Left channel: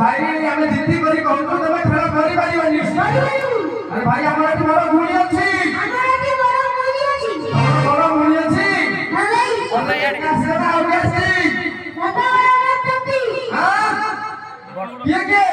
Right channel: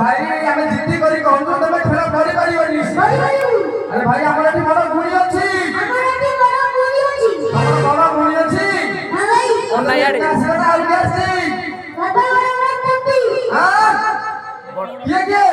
भाई आमे जिद्दी करी कहू तो तमे खेल करि परिबनी अरे भाई हमर एठी बड़ गुणी अछि हमर एठी बड़ गुणी अछि हमर बड़ गुणी अछि हां भाई ओना यार सेटा आउ अछि बाबा बड़ बड़ हां के